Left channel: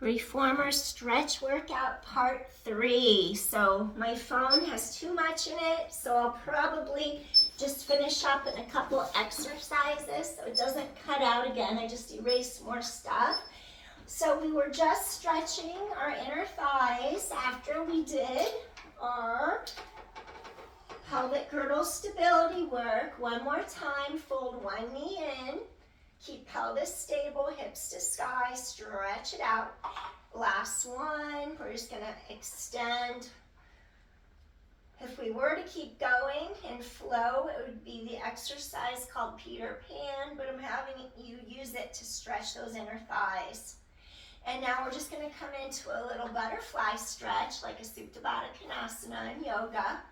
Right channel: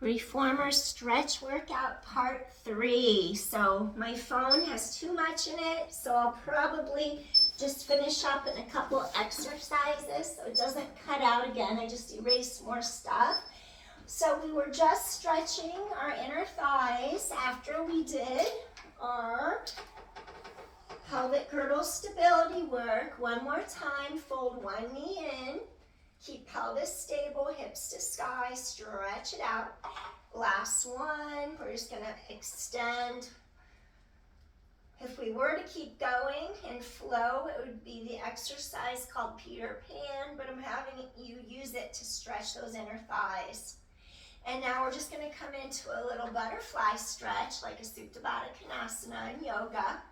Reformer stretch workout part 3. So my phone has too much in it, so I'll probably just finish up in a couple exercises so it doesn't cut out again. I just erased more stuff. So we were just stretching our inner thighs after we did our pelvic girdle stability work. One more time, fold one knee in. Keep pelvis stable, hips to sky, stretch it out. Last one, we're just gonna extend. If we were to keep going in flow, it would be the exercise called Peter Pan, but I'm having you use it to stretch those inner thighs. And now we're just gonna come into a little butterfly stretch, like a Supta Baddha Konasana in yoga.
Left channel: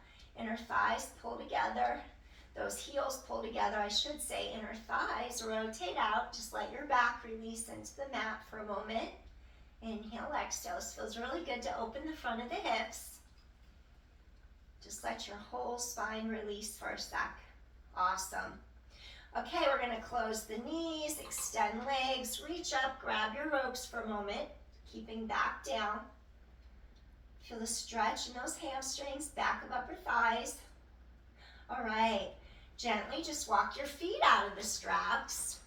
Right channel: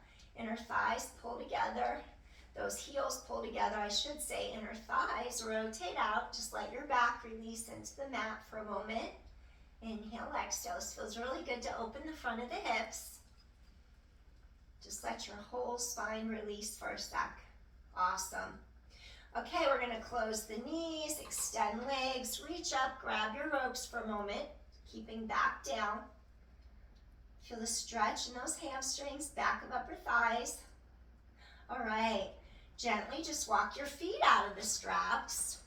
Inner thighs pull together. Those heels pull together, I should say, inner thighs rotate out. Just let your back release into the mat for a moment. Inhale, exhale. This feels really good to open the front of the hips. Just let your whole spine release for a sec. Awesome. Okay, we're gonna close the knees, extend legs, reach up, grab your ropes for a moment, keeping back down. Feel the stretch in those hamstrings, back of upper thighs. All right. Gently just walk your feet out of the straps.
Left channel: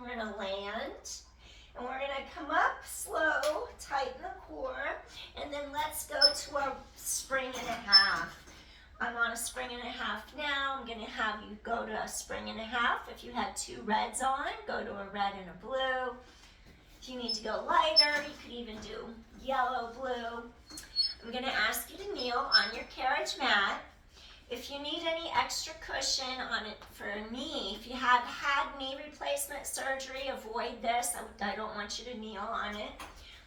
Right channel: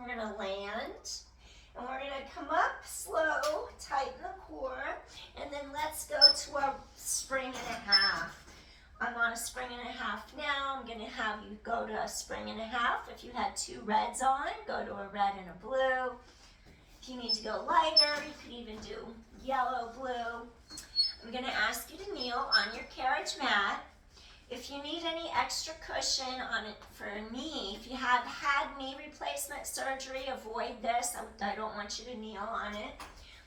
We're gonna land, and we're gonna come up slow, tighten the core, and then let's go to a spring and a half. I'm on a spring and a half now. I'm gonna have you go to a spring and a half. If you had two reds on, go to a red and a blue. If you need to go lighter, you could even do yellow, blue. I'm gonna ask you to kneel on your carriage mat. If you need any extra cushion on it for a knee, if you have had knee replacement surgery, avoid this. I don't want you to kneel on it.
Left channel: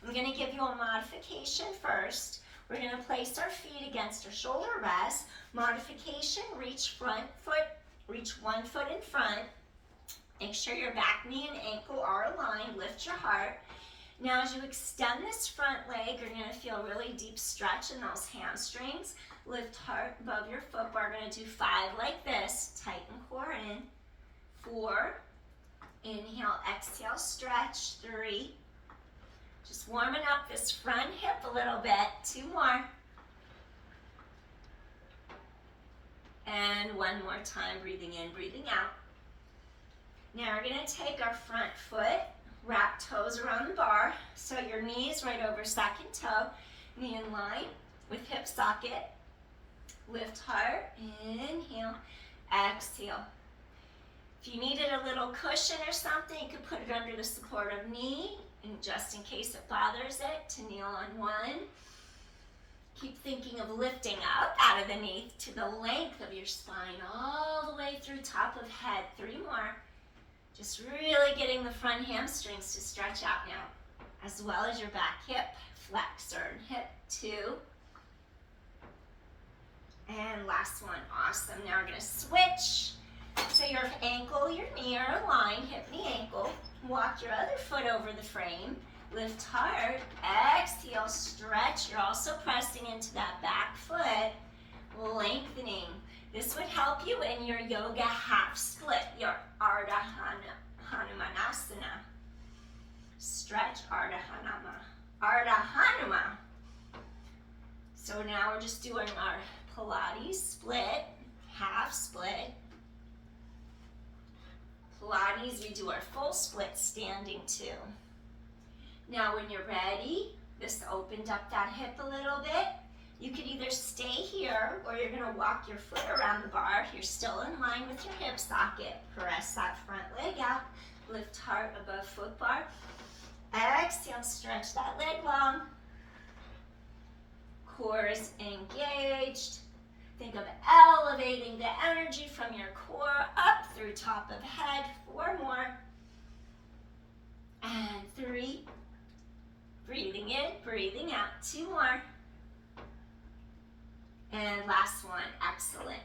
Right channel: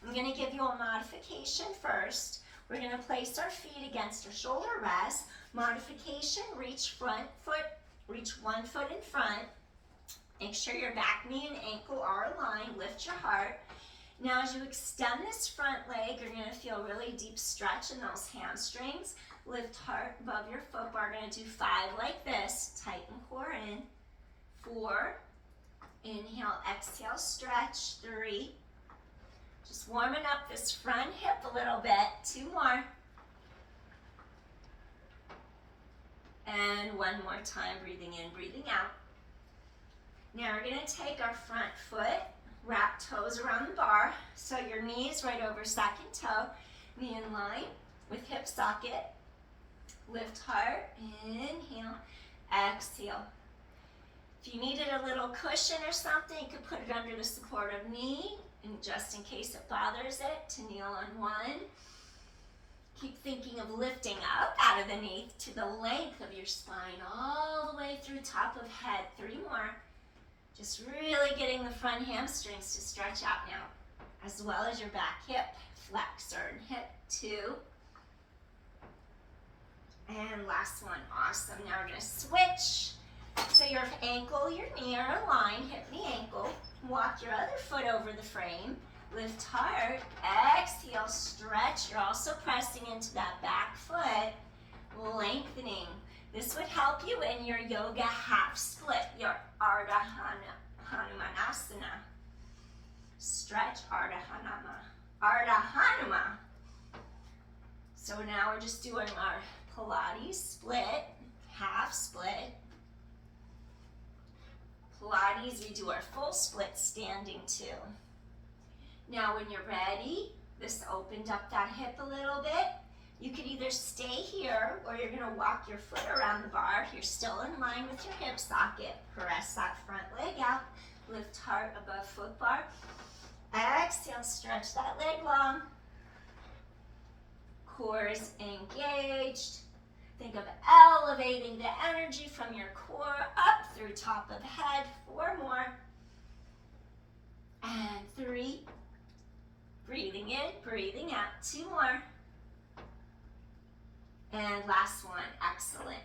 I'm going to give you a modification first. We're going to place our feet against our shoulder rest. Modification, reach front foot, reach one foot in front. Make sure your back knee and ankle are aligned. Lift your heart. Now as you extend this front leg, you're going to feel really deep stretch in those hamstrings. Lift heart above your foot. We're going to do 5 like this. Tighten core in. 4. Inhale, exhale, stretch. 3. Just warming up this front hip a little bit. 2 more. And 1 more time, breathing in, breathing out. Now we're going to take our front foot, wrap toes around the bar. So your knees right over second toe. Knee in line with hip socket. Lift heart, inhale, exhale. If you needed a little cushion or something, you could put it under the supportive knee, and just in case it bothers it, to kneel on 1. Keep thinking of lifting up out of the knee to the length of your spine, all the way through top of head. 3 more. Just really getting the front hamstrings to stretch out now, as well as your back hip, flexor and hip. 2. And last one, awesome. Now we're gonna switch. So your ankle, your knee are aligned, hip, knee, ankle. Walk your other foot over the frame. Lift heart, exhale, stretch. You're also pressing into that back foot, lengthening. This would help you in your yoga half split, your Ardha Hanumanasana. Stretch Ardha Hanuma. So now we're just doing our Pilates split, half split. Pilates, we do our full split standing too. Now when you're ready, this opened up that hip a little bit. You could either stay here or you're gonna walk your foot around the bar. You're still in line with your hip socket. Press that front leg out. Lift heart above foot bar. Exhale, stretch that leg long. Core is engaged. Think of elevating the energy from your core up through top of head. 4 more. And 3. Breathing in, breathing out. 2 more. And last one. Excellent.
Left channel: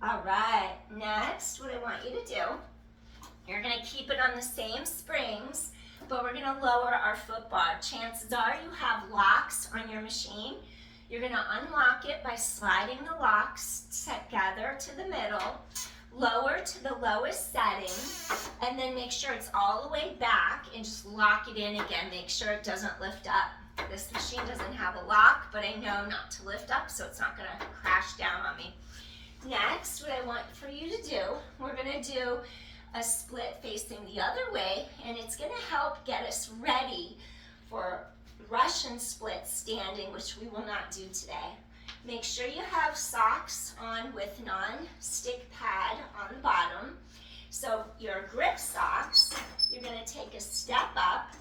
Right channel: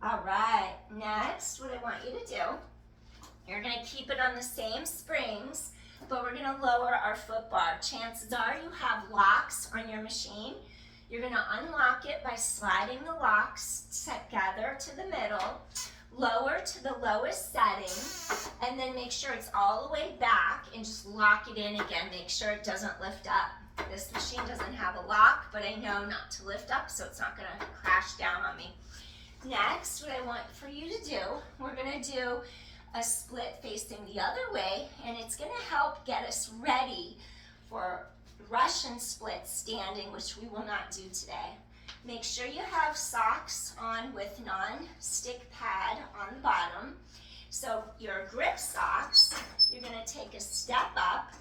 All right. Next, what I want you to do, you're going to keep it on the same springs, but we're going to lower our foot bar. Chances are you have locks on your machine. You're going to unlock it by sliding the locks together to the middle. Lower to the lowest setting, and then make sure it's all the way back and just lock it in again. Make sure it doesn't lift up. This machine doesn't have a lock, but I know not to lift up, so it's not gonna crash down on me. Next, what I want for you to do, we're gonna do a split facing the other way, and it's gonna help get us ready for Russian split standing, which we will not do today. Make sure you have socks on with non-stick pad on the bottom. So your grip socks, you're gonna take a step up.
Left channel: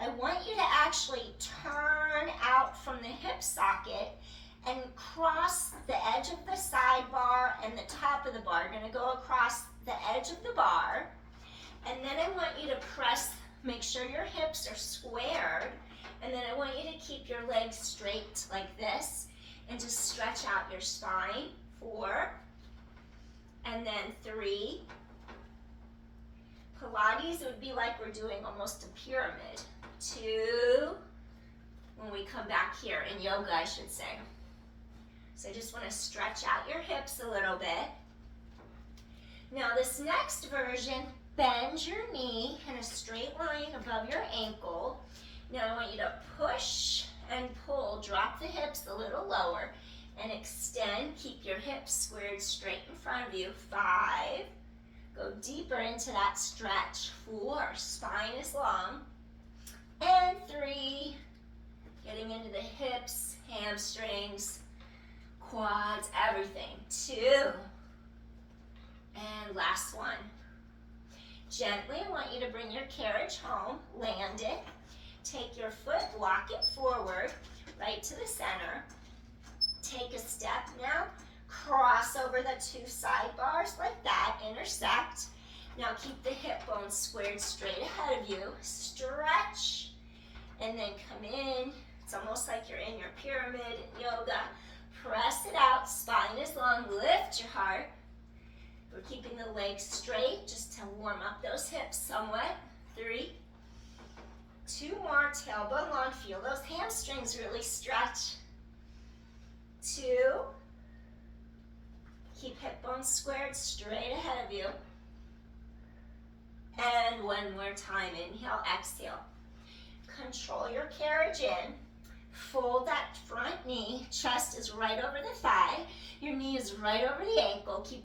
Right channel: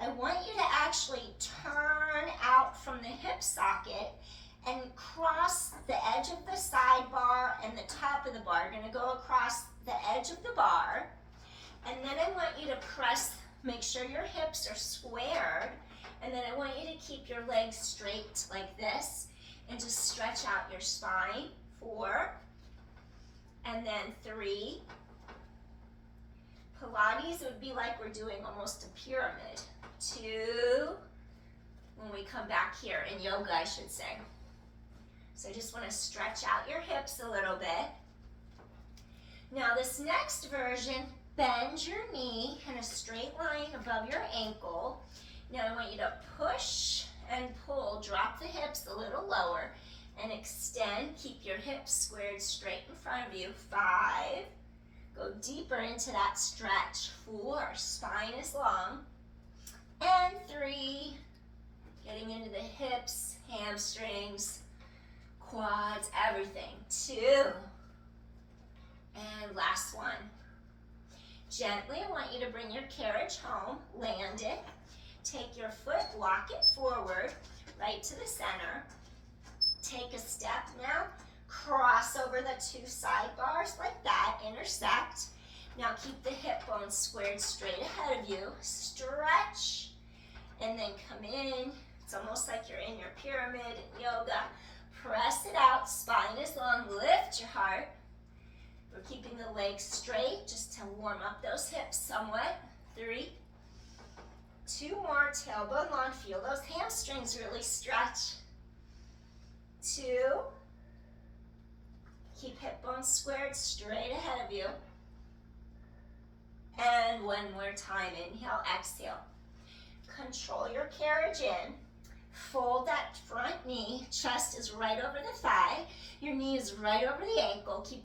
I want you to actually turn out from the hip socket and cross the edge of the side bar and the top of the bar. You're gonna go across the edge of the bar, and then I want you to press, make sure your hips are squared, and then I want you to keep your legs straight like this, and just stretch out your spine. 4, and then 3. Pilates would be like we're doing almost a pyramid. 2, when we come back here, in yoga I should say. So I just want to stretch out your hips a little bit. Now this next version, bend your knee in a straight line above your ankle. Now I want you to push and pull, drop the hips a little lower and extend. Keep your hips squared straight in front of you. 5, go deeper into that stretch. 4, spine is long. And 3, getting into the hips, hamstrings, quads, everything. 2, and last one. Gently, I want you to bring your carriage home, land it, take your foot, walk it forward, right to the center. Take a step now, cross over the 2 side bars like that, intersect. Now keep the hip bones squared straight ahead of you, stretch, and then come in. It's almost like you're in your pyramid in yoga. Press it out, spine is long, lift your heart. We're keeping the legs straight just to warm up those hips somewhat. 3, 2 more, tailbone long, feel those hamstrings really stretch. 2, keep hip bones squared straight ahead of you. And one more time, inhale, exhale. Control your carriage in. Fold that front knee, chest is right over the thigh, your knee is right over the ankle. Keep